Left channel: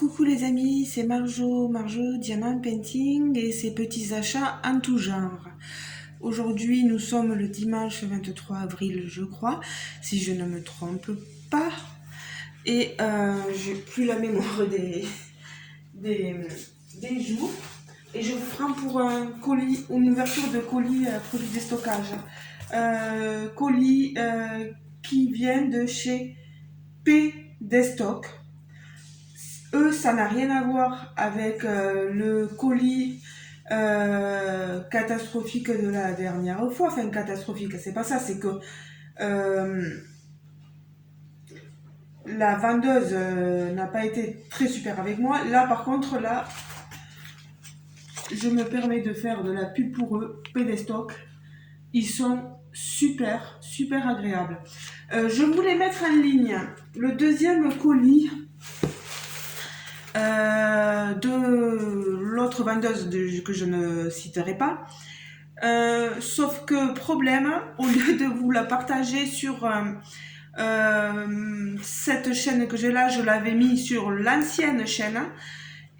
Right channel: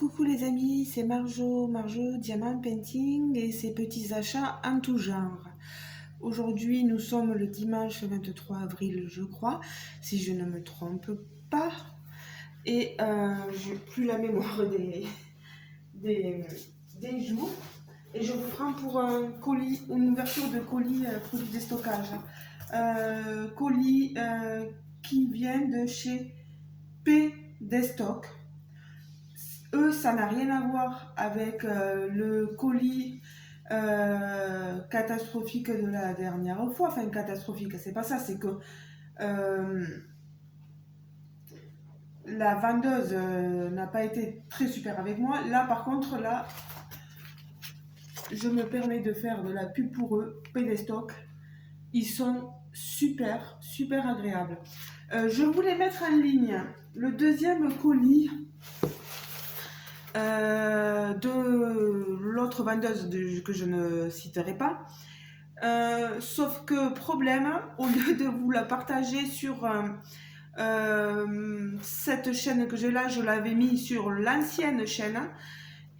Coucou les amis, c'est Marjo Diamant Painting et ses petits achats en tout genre. Aujourd'hui, nous sommes le dimanche 23 avril, je crois, si je ne me trompe pas. Et j'ai plus la mémoire des jours. Et je vous prends pour un colis, une ouverture de colis produit de stockage. Colis qui vient de chez P Destock. Eux, ça n'a rien à voir avec le colis catastrophique de la dernière fois. Enfin, catastrophique, c'est pas ça, c'est que la vendeuse n'a pas été très super avec moi. Là, par contre, là, je me permets de faire de la pub pour eux, Pédestock. Ils sont super, super agréables. Je voulais mettre en ligne le deuxième colis de l'autre vendeuse que je ne citerai pas. Sauf que problème, au lieu de vous la partager sur cette chaîne que j'ai là, je l'avais mis sur l'ancienne chaîne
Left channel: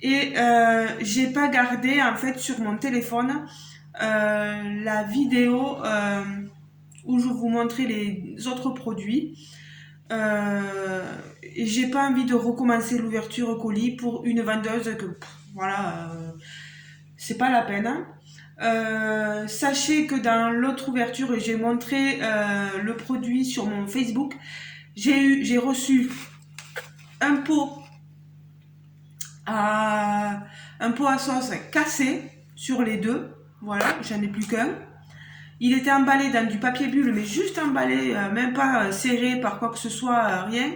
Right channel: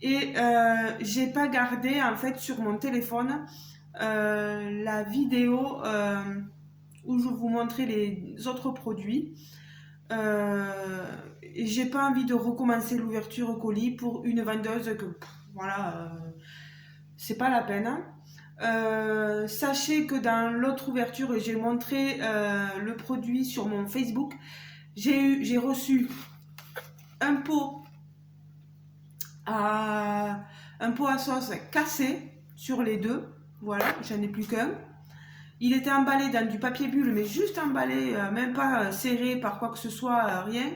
et j'ai pas gardé en fait sur mon téléphone la vidéo où je vous montrais les autres produits. Et j'ai pas envie de recommencer l'ouverture colis pour une vendeuse que voilà, c'est pas la peine. Sachez que dans l'autre ouverture, j'ai montré le produit sur mon Facebook. J'ai reçu un pot à sauce cassé sur les deux. Voilà, j'en ai plus qu'un. Il était emballé dans du papier bulle, mais juste emballé, même pas serré par quoi que ce soit, rien.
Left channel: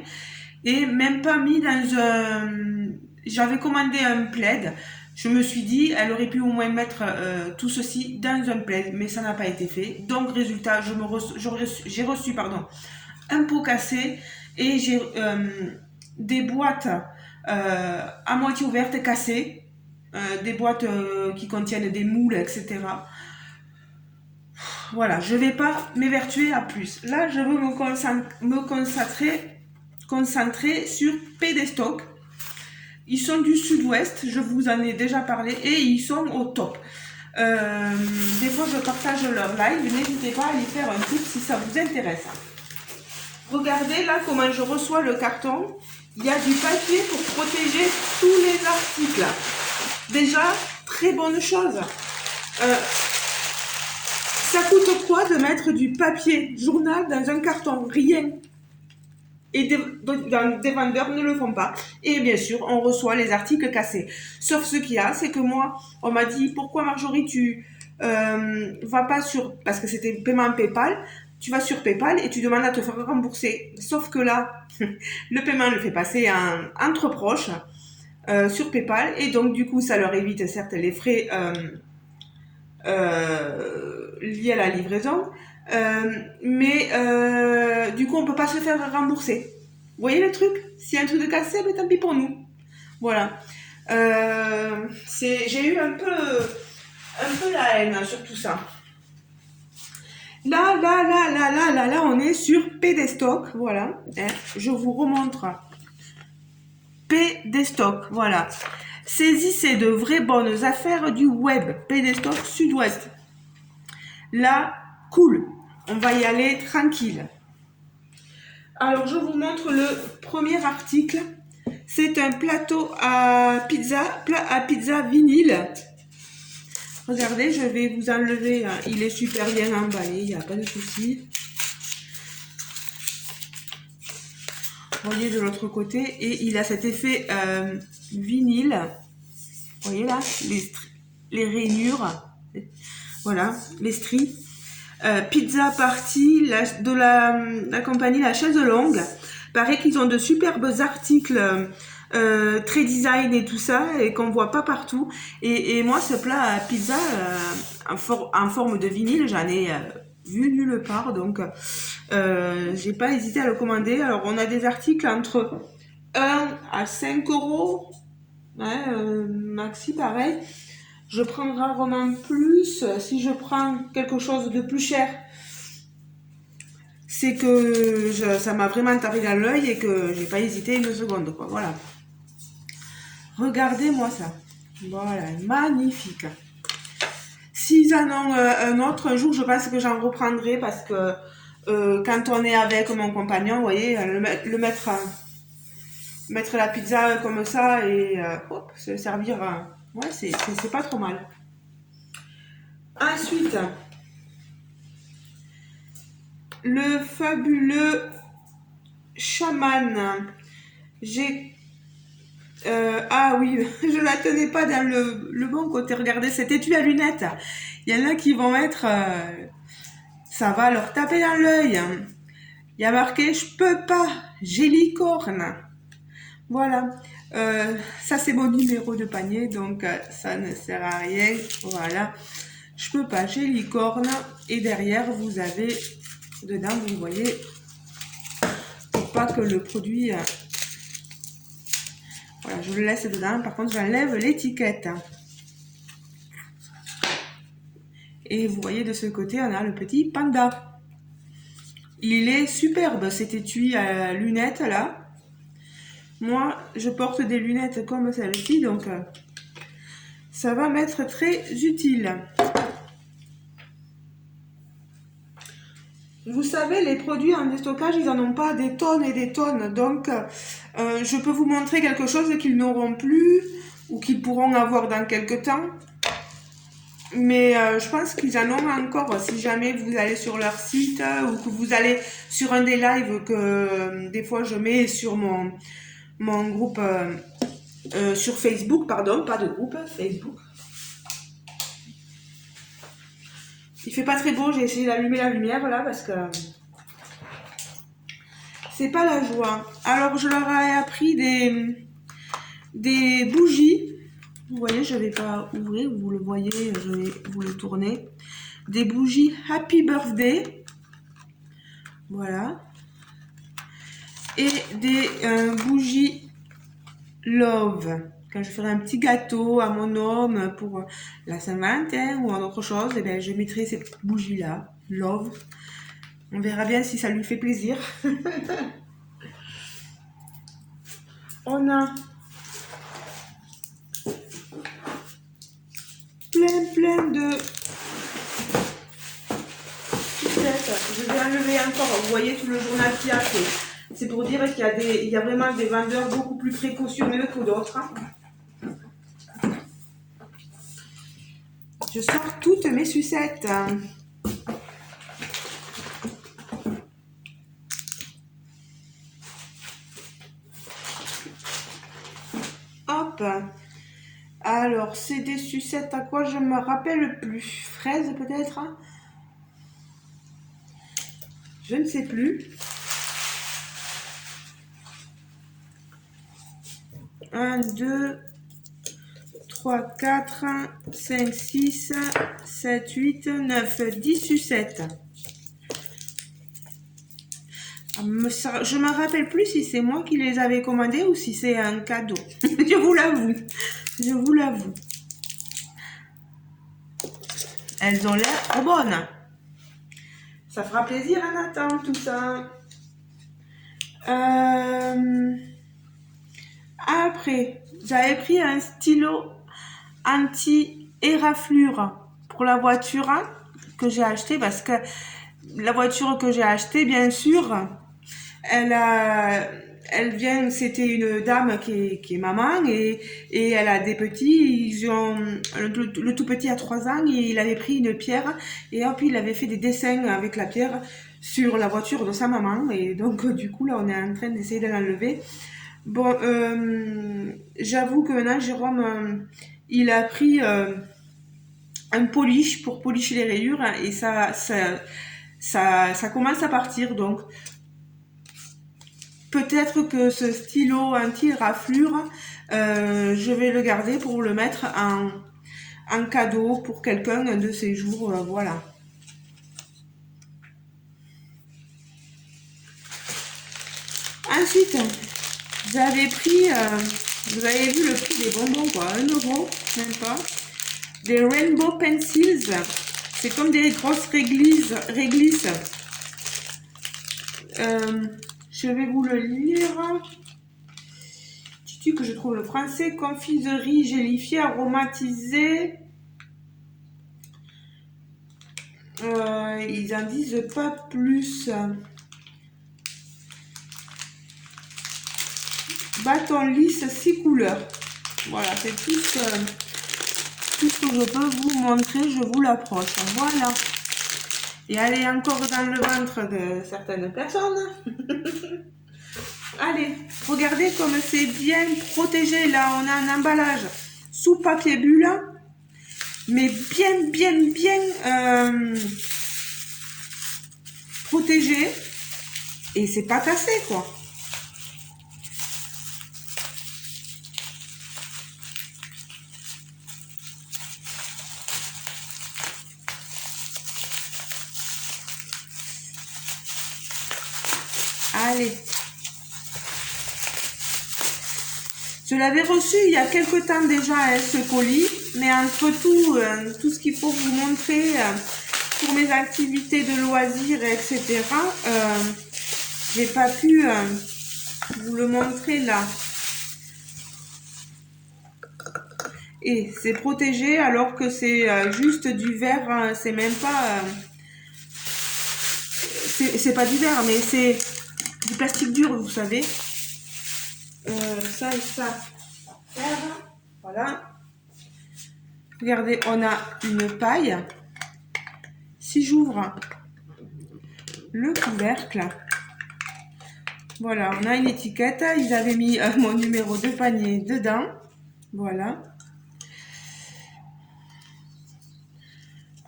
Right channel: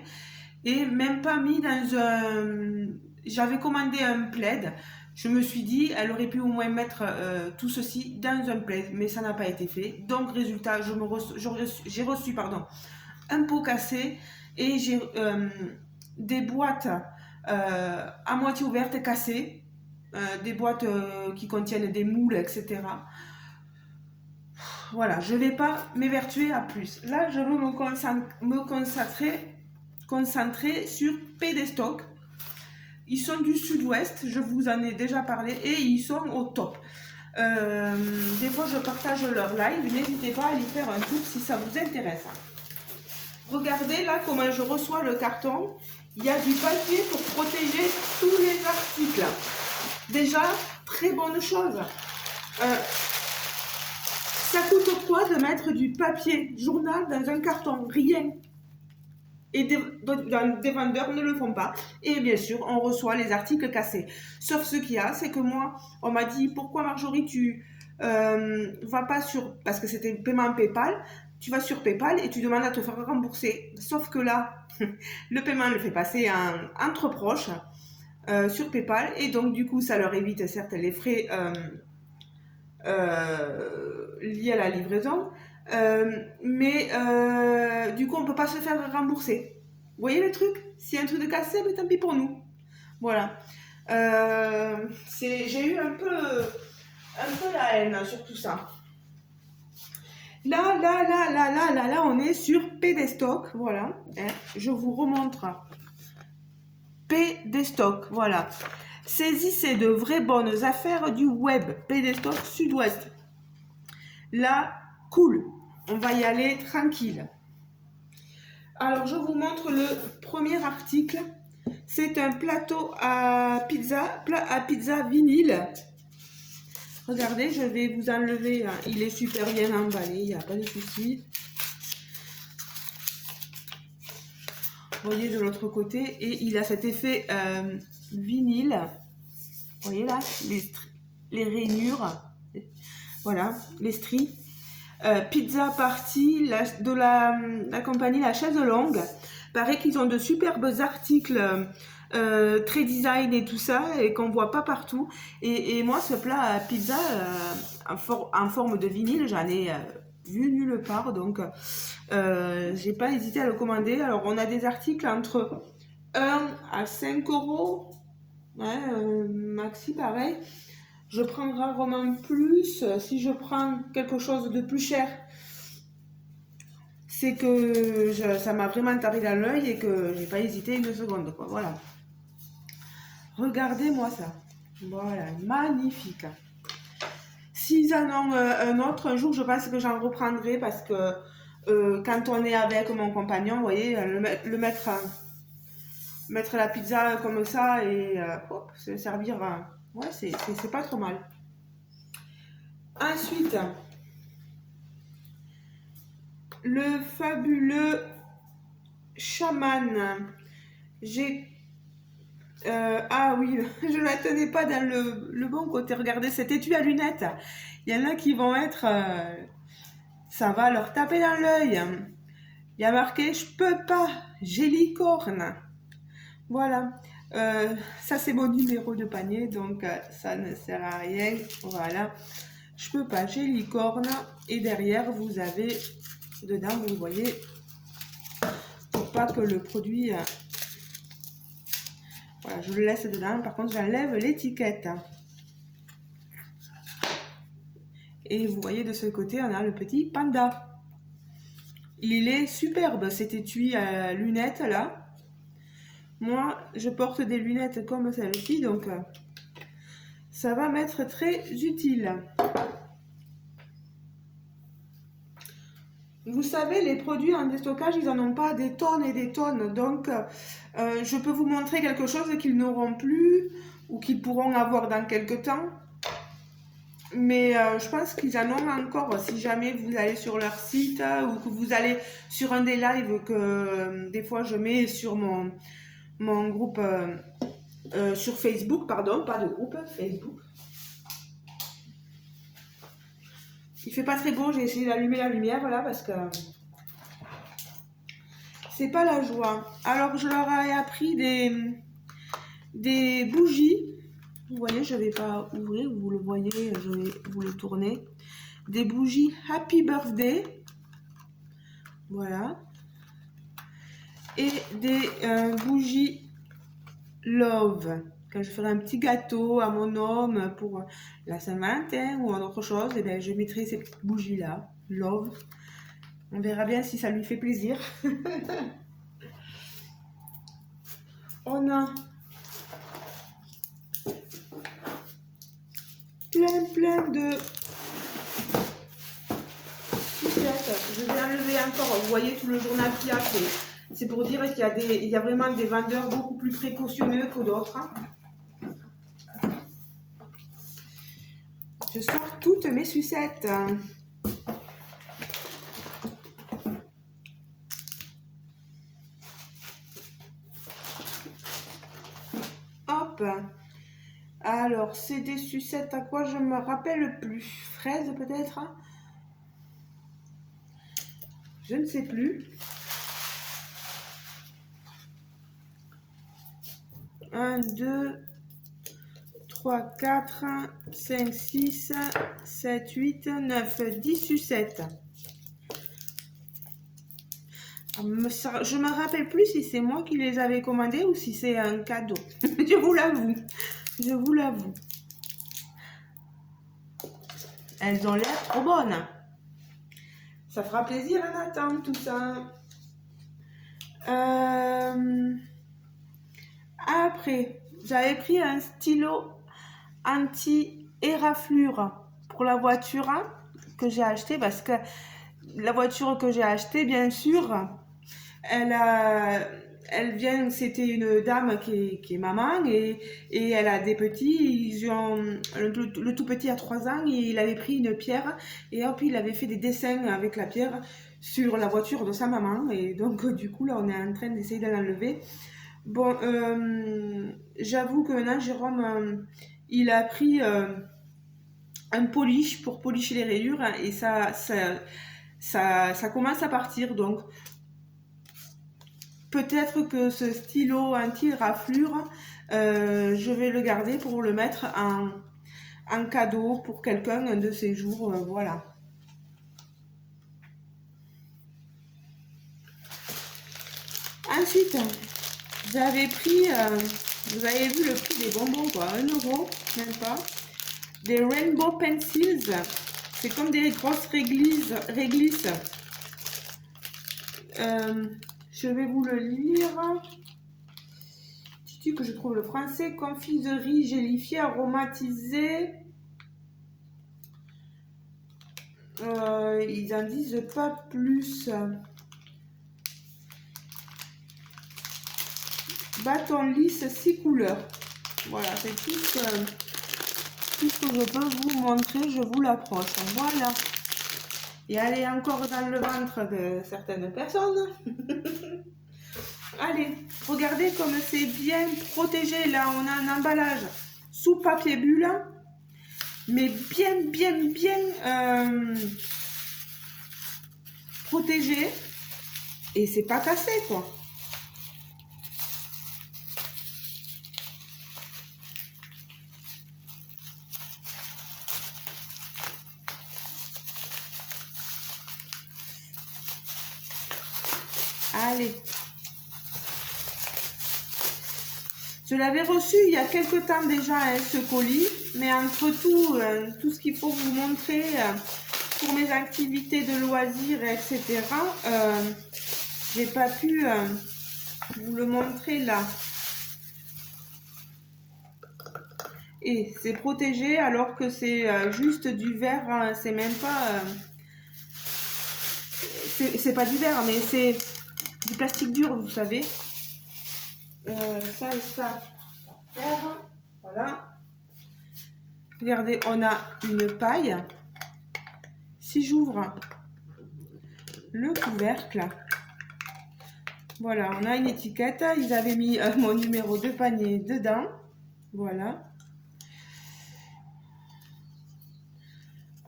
Et même pas mis dans un... J'avais commandé un plaid. Je me suis dit, elle aurait pu au moins mettre tout ceci dans un plaid, mais ça n'a pas été fait. Donc, résultat, j'ai reçu un pot cassé et j'ai des boîtes à moitié ouvertes cassées, des boîtes qui contiennent des moules, etc. Voilà, je ne vais pas m'évertuer à plus. Là, je veux me concentrer sur Pédestock. Ils sont du sud-ouest, je vous en ai déjà parlé, et ils sont au top. Des fois, je partage leur live, n'hésitez pas à aller faire un tour si ça vous intéresse. Regardez là comment je reçois le carton. Il y a du papier pour protéger tous les articles. Déjà, très bonne chose. Ça coûte quoi de mettre du papier journal dans un carton? Rien. Et des vendeurs ne le font pas. Et bien sûr, on reçoit les articles cassés. Sauf ce qu'il y a, c'est que moi, on m'a dit, pourquoi Marjorie, tu vas pas sur... Parce que c'était paiement PayPal. Tu vas sur PayPal et tu demandes à te faire rembourser. Sauf que là, le paiement le fait passer entre proches sur PayPal. Et donc, du coup, ça leur évite certes les frais liés à la livraison. Mais du coup on peut pas se faire rembourser. Vous voyez le truc? S'il y a un truc de cassé, mais tant pis pour nous. Voilà. J'ai eu un peu la haine sur tout ça. Là, on est sur Pédestock. Voilà. Je vous remontre. Pédestock. Voilà. Saisissez de vraies bonnes affaires du web. Pédestock Sud-Ouest. Là, cool. On va y aller tranquille. Alors, je vous montre le premier article. C'est un plateau à pizza vinyle. Regardez, je vais vous enlever. Il est super bien emballé, il n'y a pas de souci. Voyez de l'autre côté. Et il a cet effet vinyle. Vous voyez là, les rainures. Voilà, les stries. Pizza Party de la compagnie La Chaise Longue. Paraît qu'ils ont de superbes articles très design et tout ça et qu'on voit pas partout. Et moi, ce plat à pizza en forme de vinyle, j'en ai vu nulle part. Donc, j'ai pas hésité à le commander. Alors, on a des articles entre 1 à 5 euros. Maxi, pareil. Je prends rarement plus. Si je prends quelque chose de plus cher, c'est que ça m'a vraiment tapé dans l'œil et que j'ai pas hésité une seconde, quoi. Voilà. Regardez-moi ça. Voilà, magnifique. S'ils en ont un autre, un jour, je pense que j'en reprendrai parce que quand on est avec mon compagnon, vous voyez, mettre la pizza comme ça et hop, se servir, ouais, c'est pas trop mal. Ensuite, le fabuleux chaman. Ah oui, je la tenais pas dans le bon côté. Regardez cet étui à lunettes. Il y en a qui vont être... ça va leur taper dans l'œil. Il y a marqué « Je peux pas, j'ai licorne ». Voilà. Ça, c'est mon numéro de panier, donc ça ne sert à rien. Voilà. Je peux pas, j'ai licorne. Et derrière, vous avez... Dedans, vous voyez... Pour pas que le produit... Voilà, je le laisse dedans. Par contre, j'enlève l'étiquette. Et vous voyez de ce côté, on a le petit panda. Il est superbe cet étui à lunettes là. Moi, je porte des lunettes comme celle-ci, donc ça va m'être très utile. Vous savez, les produits en déstockage, ils n'en ont pas des tonnes et des tonnes. Donc, je peux vous montrer quelque chose qu'ils n'auront plus ou qu'ils pourront avoir dans quelques temps. Mais je pense qu'ils en ont encore. Si jamais vous allez sur leur site ou que vous allez sur un des lives que des fois je mets sur mon groupe sur Facebook, pardon, pas de groupe, Facebook. Il fait pas très beau, j'ai essayé d'allumer la lumière là parce que c'est pas la joie. Alors je leur ai appris des bougies. Vous voyez, je vais pas ouvrir, vous le voyez, je vais vous le tourner. Des bougies Happy Birthday. Voilà. Et des bougies Love. Quand je ferai un petit gâteau à mon homme pour la Saint-Valentin ou autre chose, et bien je mettrai ces bougies-là, Love. On verra bien si ça lui fait plaisir. On a plein de sucettes. Je vais enlever encore, vous voyez tout le journal qu'il y a. C'est pour dire qu'il y a vraiment des vendeurs beaucoup plus précautionneux que d'autres. Je sors toutes mes sucettes. Hop. Alors, c'est des sucettes à quoi je me rappelle plus. Fraises peut-être? Je ne sais plus. 1, 2, 3, 4, 5, 6, 7, 8, 9, 10 sucettes. Je ne me rappelle plus si c'est moi qui les avais commandées ou si c'est un cadeau. Je vous l'avoue. Je vous l'avoue. Elles ont l'air trop bonnes. Ça fera plaisir à Nathan, tout ça. Après, j'avais pris un stylo anti-éraflure pour la voiture que j'ai acheté parce que la voiture que j'ai achetée, bien sûr, elle vient, c'était une dame qui est maman et elle a des petits, le tout petit a 3 ans et il avait pris une pierre et hop, il avait fait des dessins avec la pierre sur la voiture de sa maman et donc du coup là on est en train d'essayer de l'enlever. Bon, j'avoue que maintenant Jérôme, il a pris un polish pour polisher les rayures et ça commence à partir donc. Peut-être que ce stylo anti-raflure, je vais le garder pour le mettre en cadeau pour quelqu'un de ces jours. Voilà. Ensuite, j'avais pris, vous avez vu le prix des bonbons, quoi, 1 €, même pas. Des Rainbow Pencils. C'est comme des grosses réglisses. Je vais vous le lire. que je trouve le français. Confiserie gélifiée aromatisée. Ils en disent pas plus. Bâton lisse 6 couleurs. Voilà, c'est tout ce que je peux vous montrer. Je vous l'approche. Voilà. Et elle est encore dans le ventre de certaines personnes. Allez, regardez comme c'est bien protégé. Là, on a un emballage sous papier bulle. Mais bien protégé. Et c'est pas cassé, quoi. Allez. Je l'avais reçu il y a quelque temps déjà, ce colis. Mais entre tout ce qu'il faut vous montrer pour mes activités de loisirs, etc. J'ai pas pu vous le montrer là. Et c'est protégé alors que c'est juste du verre. Hein, c'est même pas... c'est pas du verre, mais c'est du plastique dur, vous savez. Ça et ça. Voilà. Regardez, on a une paille. Si j'ouvre le couvercle, voilà, on a une étiquette. Ils avaient mis mon numéro de panier dedans. Voilà.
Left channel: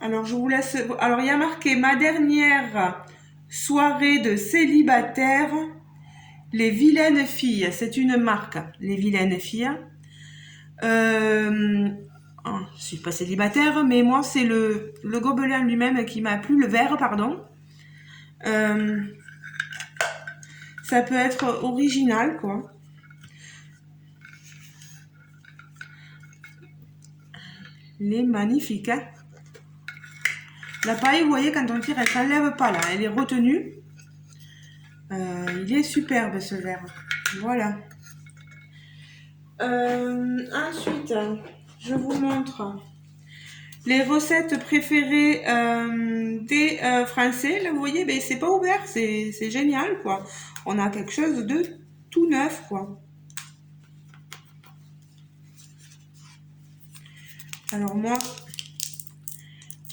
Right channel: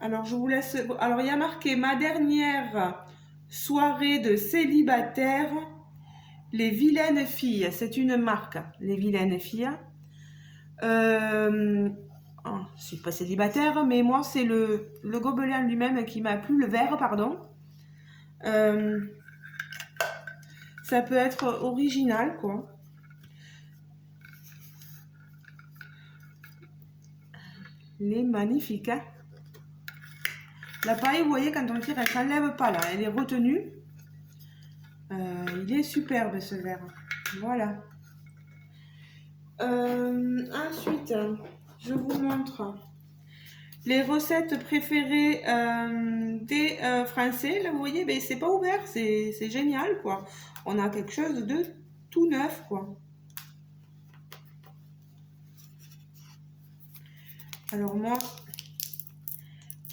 Alors, je vous laisse... Alors, il y a marqué « Ma dernière soirée de célibataire, les vilaines filles ». C'est une marque, les vilaines filles. Oh, je suis pas célibataire, mais moi, c'est le gobelin lui-même qui m'a plu, le verre, pardon. Ça peut être original, quoi. Il est magnifique, hein. La paille, vous voyez, quand on tire, elle s'enlève pas, là. Elle est retenue. Il est superbe, ce verre. Voilà. Ensuite, je vous montre les recettes préférées des Français. Là, vous voyez, ben, c'est pas ouvert. C'est génial, quoi. On a quelque chose de tout neuf, quoi. Alors, moi...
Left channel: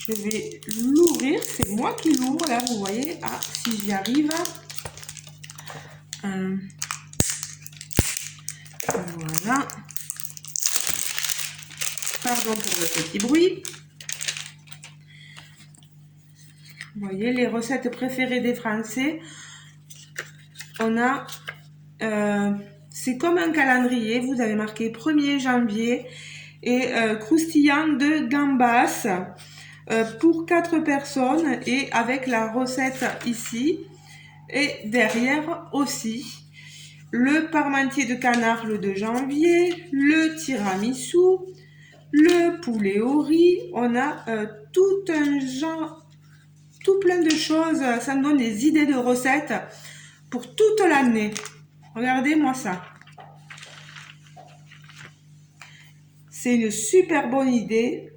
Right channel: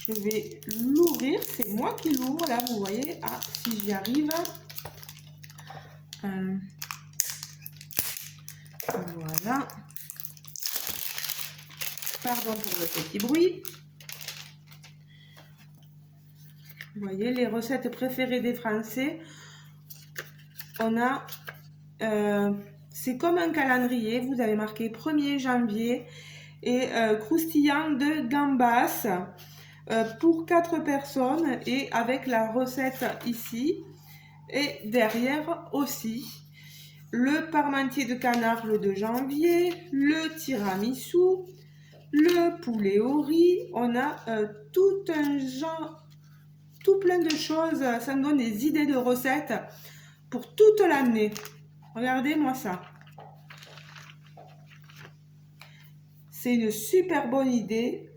je vais l'ouvrir, c'est moi qui l'ouvre là, vous voyez. Ah, si j'y arrive. Voilà. Pardon pour le petit bruit. Vous voyez, les recettes préférées des Français. On a... c'est comme un calendrier. Vous avez marqué 1er janvier. Et croustillant de gambas. Pour 4 personnes et avec la recette ici et derrière aussi le parmentier de canard le 2 janvier, le tiramisu, le poulet au riz. On a tout un genre, tout plein de choses. Ça me donne des idées de recettes pour toute l'année. Regardez-moi ça. C'est une super bonne idée.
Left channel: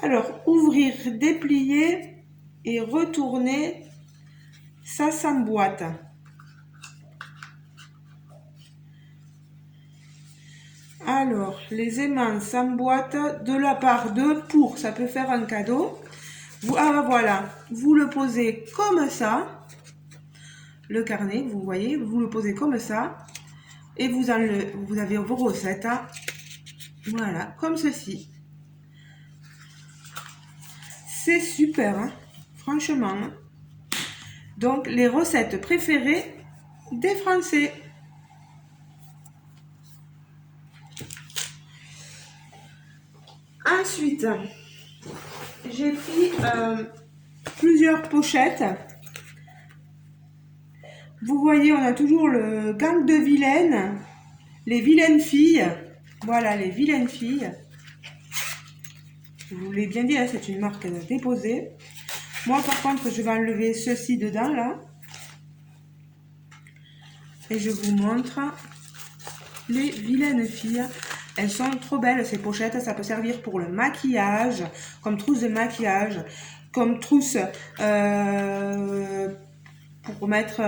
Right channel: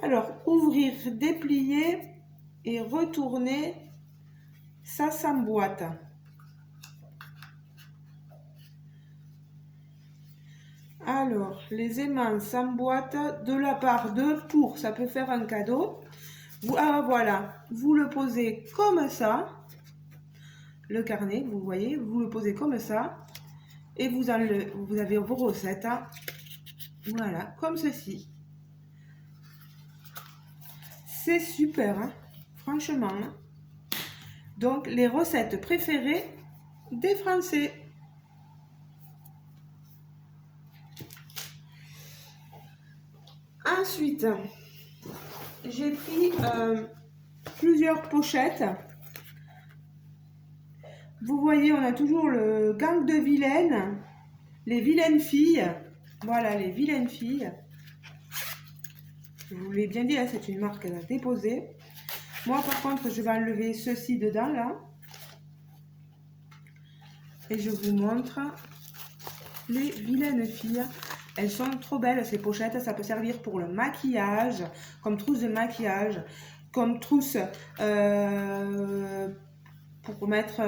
Alors, ouvrir, déplier et retourner, ça s'emboîte. Alors, les aimants s'emboîtent de la part de pour, ça peut faire un cadeau. Ah voilà, vous le posez comme ça, le carnet, vous voyez, vous le posez comme ça, et vous avez vos recettes, hein. Voilà, comme ceci. C'est super, hein, franchement. Donc, les recettes préférées des Français. Ensuite, j'ai pris plusieurs pochettes. Vous voyez, on a toujours le gang de vilaines, les vilaines filles. Voilà, les vilaines filles. Je vous l'ai bien dit, hein, c'est une marque déposée. Moi, par contre, je vais enlever ceci dedans, là. Et je vous montre. les vilaines filles. Elles sont trop belles ces pochettes. Ça peut servir pour le maquillage, comme trousse de maquillage, comme trousse pour mettre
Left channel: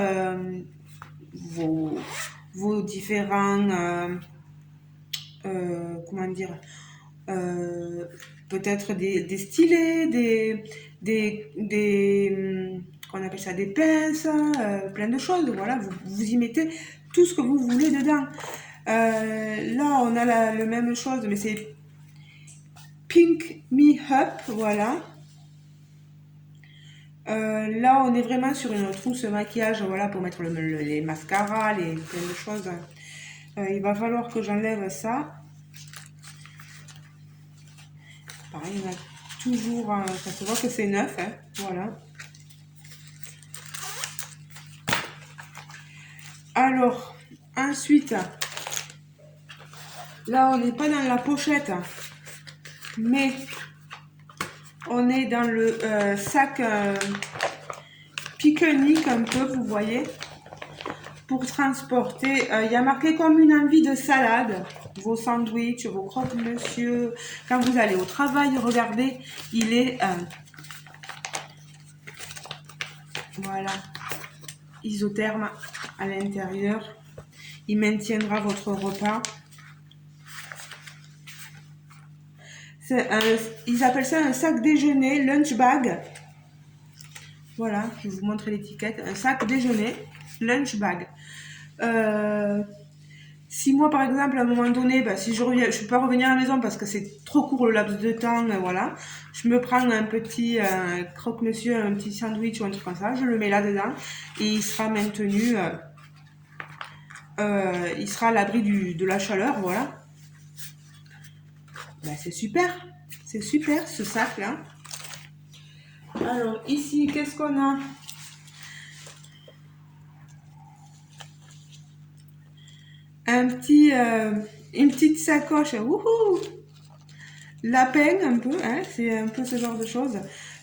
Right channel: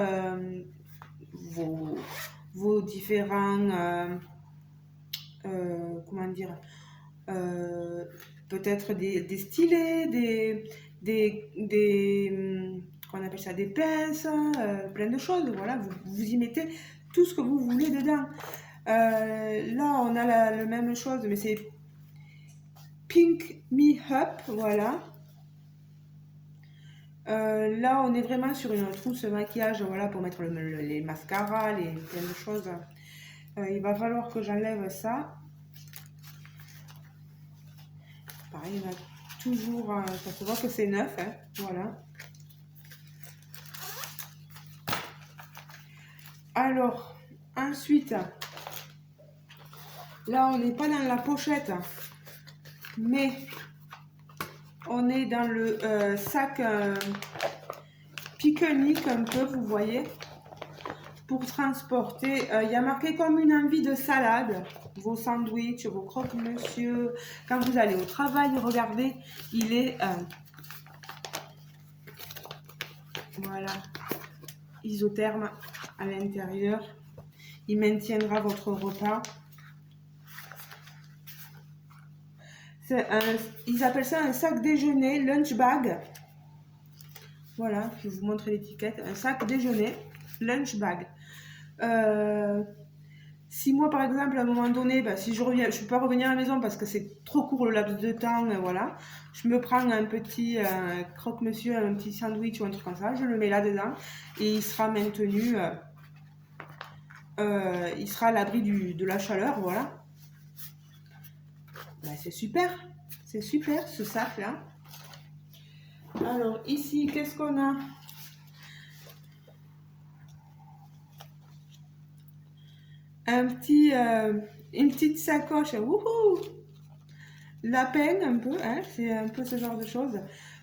vos différents comment dire, peut-être des stylets, qu'on appelle ça, des pinces, plein de choses. Voilà, vous y mettez tout ce que vous voulez dedans. Là, on a la même chose, mais c'est Pink Me Up, voilà. Là, on est vraiment sur une trousse maquillage, voilà, pour mettre les mascaras, plein de choses. Il va falloir que j'enlève ça. Pareil, il y en a toujours, ça se voit que c'est neuf, hein, voilà. Alors, ensuite, là, on n'est pas dans la pochette, mais on est dans le sac pique-nique un peu, vous voyez, pour transporter. Il y a marqué comme une envie de salade, vos sandwichs, vos croque-monsieur. Quand vous allez au travail, regardez, il est voilà, isotherme à l'intérieur. Il maintiendra votre repas. Ils appellent ça un sac déjeuner, lunch bag. Voilà, je vais vous montrer l'étiquette. Un sac déjeuner, lunch bag. Si moi, par exemple, à un moment donné, si je ne peux pas revenir à la maison parce que c'est trop court le laps de temps, voilà, je me prends un petit croque-monsieur, un petit sandwich ou un truc comme ça, je le mets là-dedans et il sera maintenu, il sera à l'abri de la chaleur, voilà. C'est super ce sac-là. Alors ici, qu'est-ce qu'on a? Une petite sacoche, wouhou, lapin un peu, hein, c'est un peu ce genre de choses.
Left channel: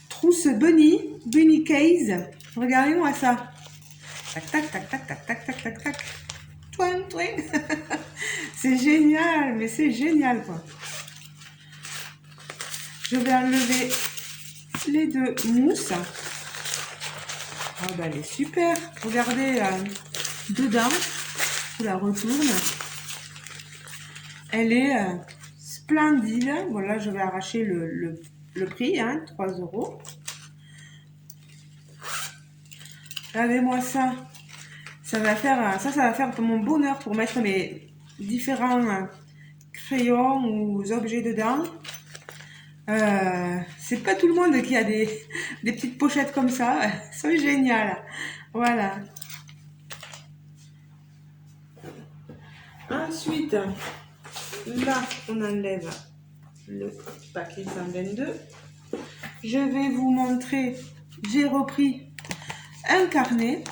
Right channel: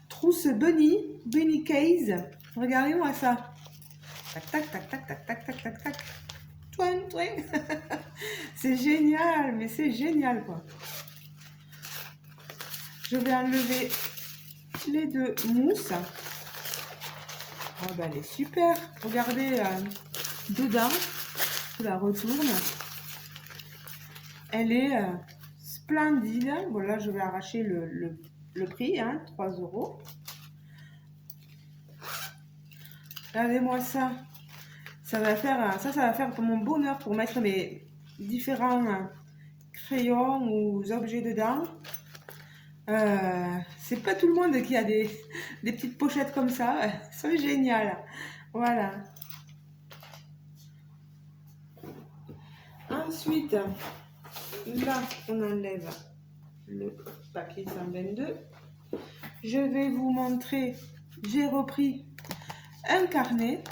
Trousse bunny case, regardez-moi ça. Tac, tac, tac, tac, tac, tac, tac, tac, tac. Twin, twin. C'est génial, mais c'est génial quoi. Je vais enlever les deux mousses. Ah bah elle est super. Regardez dedans, je la retourne. Elle est splendide. Voilà, je vais arracher le prix, hein, 3 €. Regardez-moi ça. Ça va faire pour mon bonheur pour mettre mes différents crayons ou objets dedans. C'est pas tout le monde qui a des petites pochettes comme ça. Elles sont géniales. Voilà. Ensuite, là, on enlève le paquet 122. Je vais vous montrer, j'ai repris un carnet.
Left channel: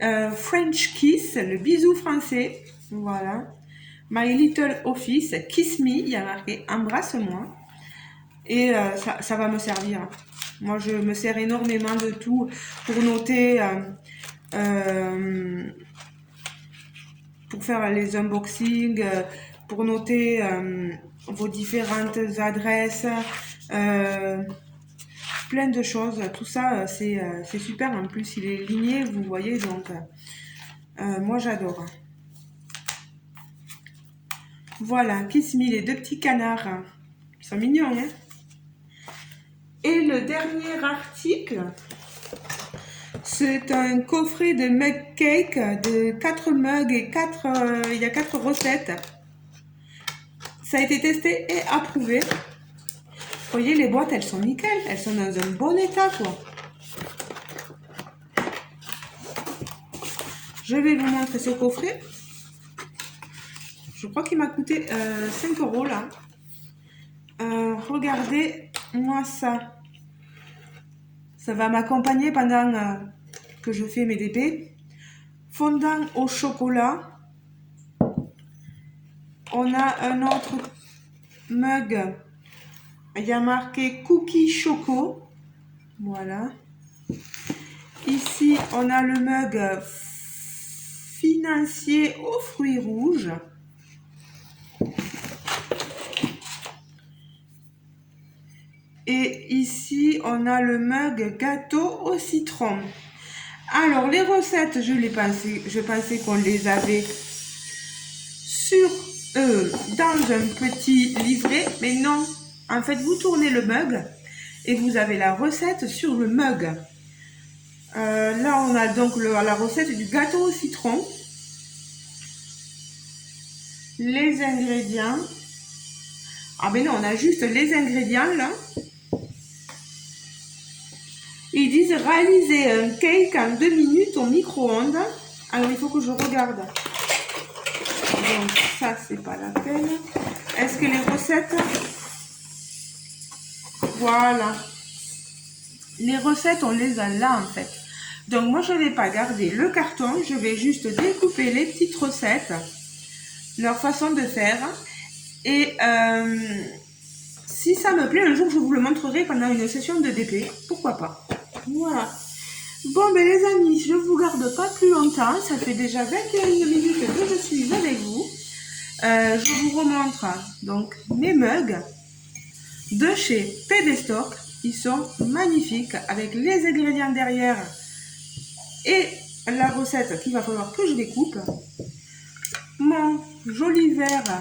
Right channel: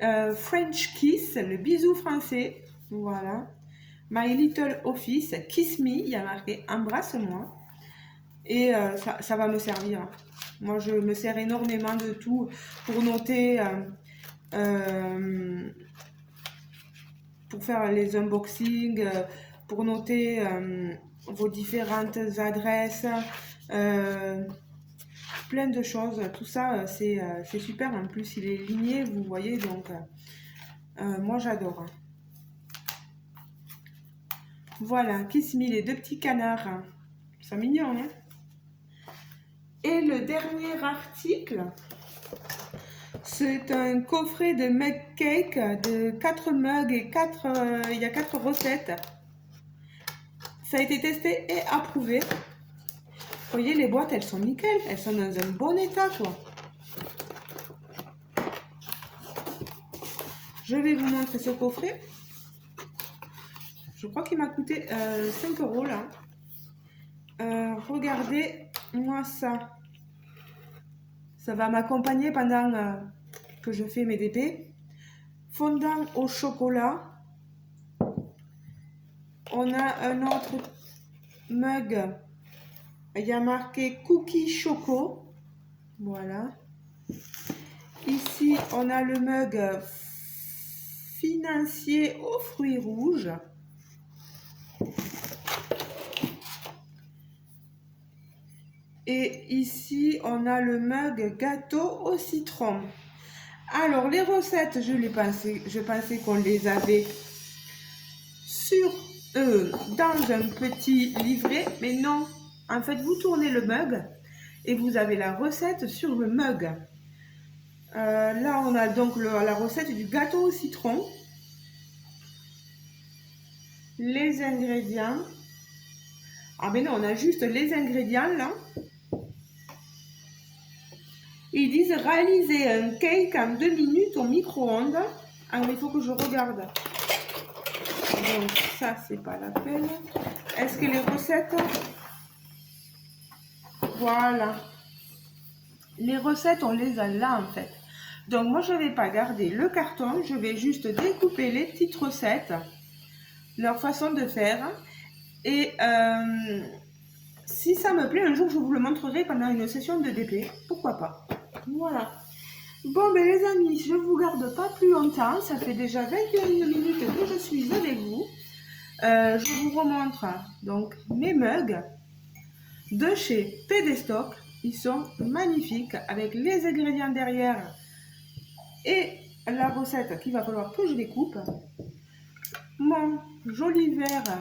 French Kiss, le bisou français. Voilà. My Little Office, Kiss Me, il y a marqué embrasse-moi. Et ça va me servir. Moi, je me sers énormément de tout pour noter, pour faire les unboxings, pour noter vos différentes adresses, plein de choses. Tout ça, c'est super. En plus, il est ligné, vous voyez, donc moi, j'adore. Voilà, Kiss Me, les deux petits canards. Ils sont mignons, hein? Et le dernier article, c'est un coffret de mug cake de 4 mugs et il y a 4 recettes. Ça a été testé et approuvé. Vous voyez, les boîtes, elles sont nickel. Elles sont dans un bon état, quoi. Je vais vous montrer ce coffret. Je crois qu'il m'a coûté 5 € là. Regardez-moi ça. Ça va m'accompagner pendant que je fais mes DP. Fondant au chocolat. On a un autre mug. Il y a marqué Cookie Choco. Voilà. Ici, on a le mug financier aux fruits rouges. Et ici, on a le mug gâteau au citron. Alors, les recettes, je pensais qu'on les avait dans un petit livret, mais non. En fait, vous tournez le mug et vous avez la recette sur le mug. Là, on a donc la recette du gâteau au citron. Les ingrédients. Ah ben non, on a juste les ingrédients là. Ils disent réaliser un cake en 2 minutes au micro-ondes. Alors, il faut que je regarde. Donc, ça, c'est pas la peine. Est-ce que les recettes... Voilà. Les recettes, on les a là, en fait. Donc, moi, je ne vais pas garder le carton. Je vais juste découper les petites recettes, leur façon de faire. Et si ça me plaît, un jour, je vous le montrerai pendant une session de DP. Pourquoi pas? Voilà. Bon, ben les amis, je ne vous garde pas plus longtemps. Ça fait déjà 21 minutes que je suis avec vous. Je vous remontre donc mes mugs de chez Pedestock. Ils sont magnifiques avec les ingrédients derrière et la recette qu'il va falloir que je découpe. Mon joli verre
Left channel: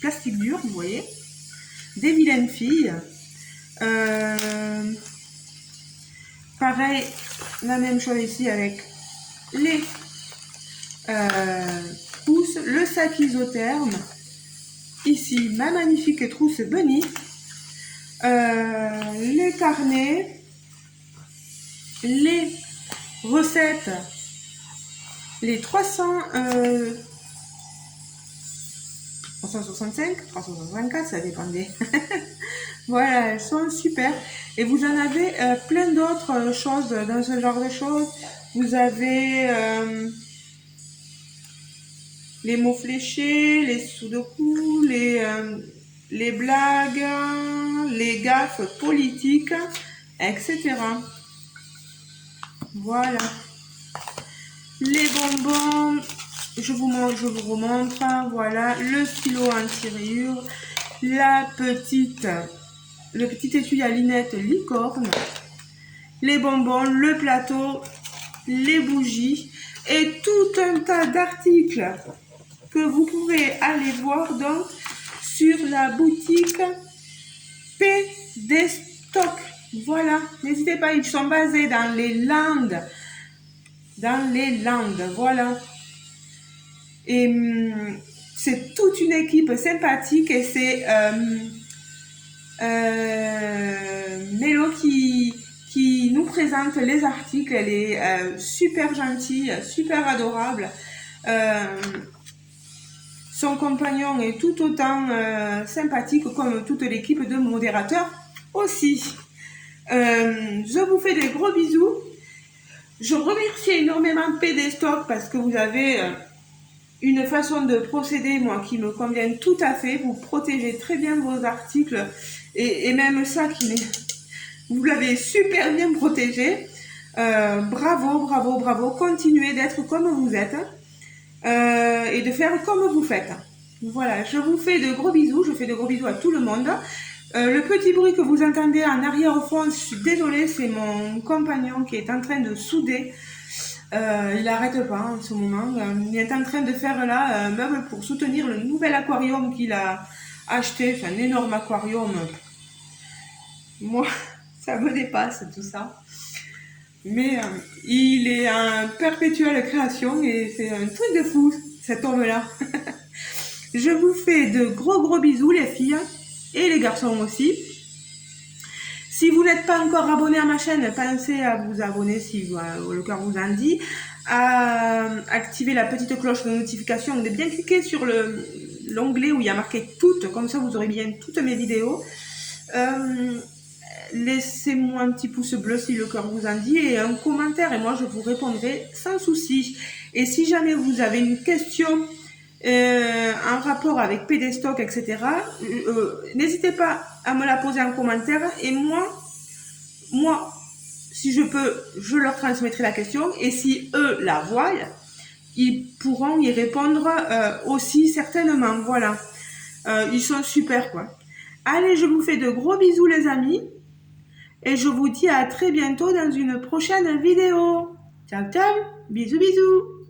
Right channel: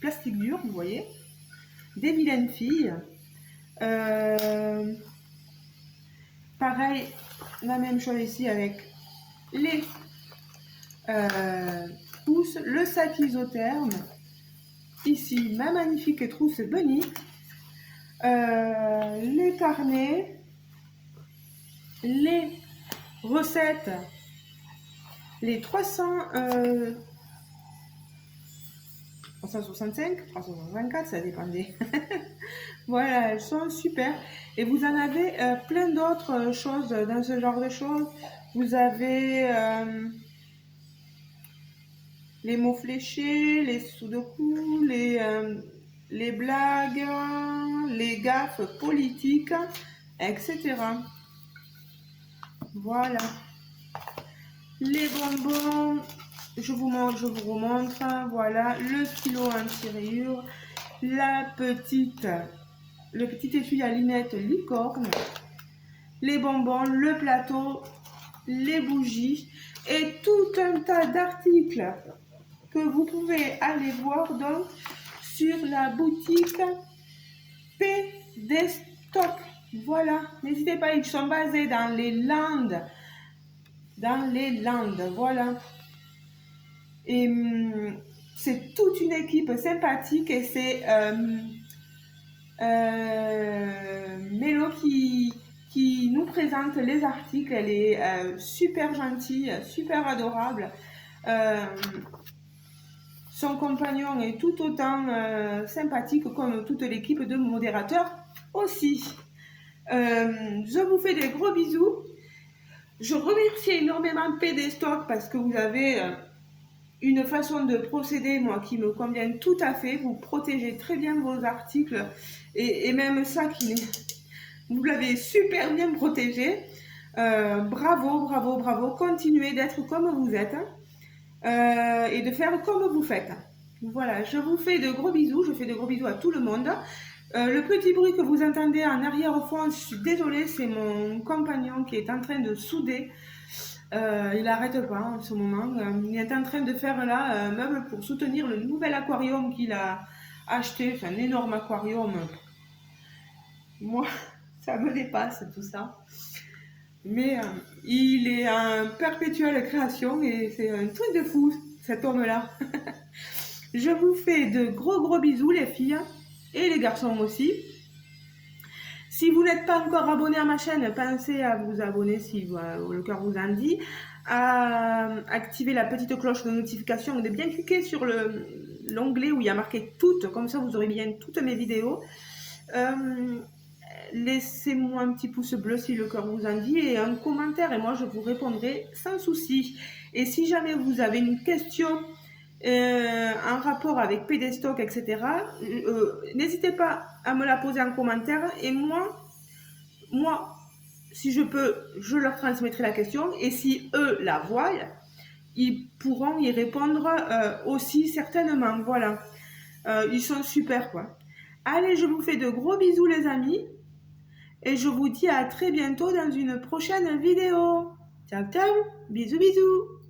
plastique dur, vous voyez, des vilaines filles. Pareil, la même chose ici avec les pousses, le sac isotherme. Ici, ma magnifique trousse Bunny. Les carnets, les recettes, les 365, 364, ça dépendait. Voilà, elles sont super. Et vous en avez plein d'autres choses dans ce genre de choses. Vous avez les mots fléchés, les sudoku, les blagues, les gaffes politiques, etc. Voilà. Les bonbons, je vous remontre. Voilà, le stylo anti-rayures, le petit étui à lunettes licorne, les bonbons, le plateau, les bougies et tout un tas d'articles que vous pouvez aller voir donc sur la boutique Pedestock. Voilà, n'hésitez pas, ils sont basés dans les Landes. Voilà. Et c'est toute une équipe sympathique et c'est Mélo qui nous présente les articles. Elle est super gentille, super adorable. Son compagnon est tout autant sympathique comme toute l'équipe de modérateurs aussi. Je vous fais des gros bisous. Je remercie énormément Pedestock parce que vous avez une façon de procéder, moi, qui me convient tout à fait. Vous protégez très bien vos articles et même ça, vous l'avez super bien protégé. Bravo, bravo, bravo. Continuez d'être comme vous êtes et de faire comme vous faites. Voilà, je vous fais de gros bisous. Je fais de gros bisous à tout le monde. Le petit bruit que vous entendez en arrière-fond, je suis désolée, c'est mon compagnon qui est en train de souder. Il n'arrête pas en ce moment. Il est en train de faire là un meuble pour soutenir le nouvel aquarium qu'il a acheté. Enfin, un énorme aquarium. Moi, ça me dépasse tout ça. Mais il est en perpétuelle création et c'est un truc de fou, cet homme-là. Je vous fais de gros bisous les filles et les garçons aussi. Si vous n'êtes pas encore abonné à ma chaîne, pensez à vous abonner si le cœur vous en dit, à activer la petite cloche de notification, de bien cliquer sur l'onglet où il y a marqué toutes, comme ça vous aurez bien toutes mes vidéos. Laissez-moi un petit pouce bleu si le cœur vous en dit et un commentaire et moi je vous répondrai sans souci. Et si jamais vous avez une question en rapport avec Pedestock, etc., n'hésitez pas à me la poser en commentaire et moi, si je peux, je leur transmettrai la question et si eux la voient, ils pourront y répondre aussi certainement. Voilà, ils sont super quoi. Allez, je vous fais de gros bisous les amis et je vous dis à très bientôt dans une prochaine vidéo. Ciao ciao, bisous bisous.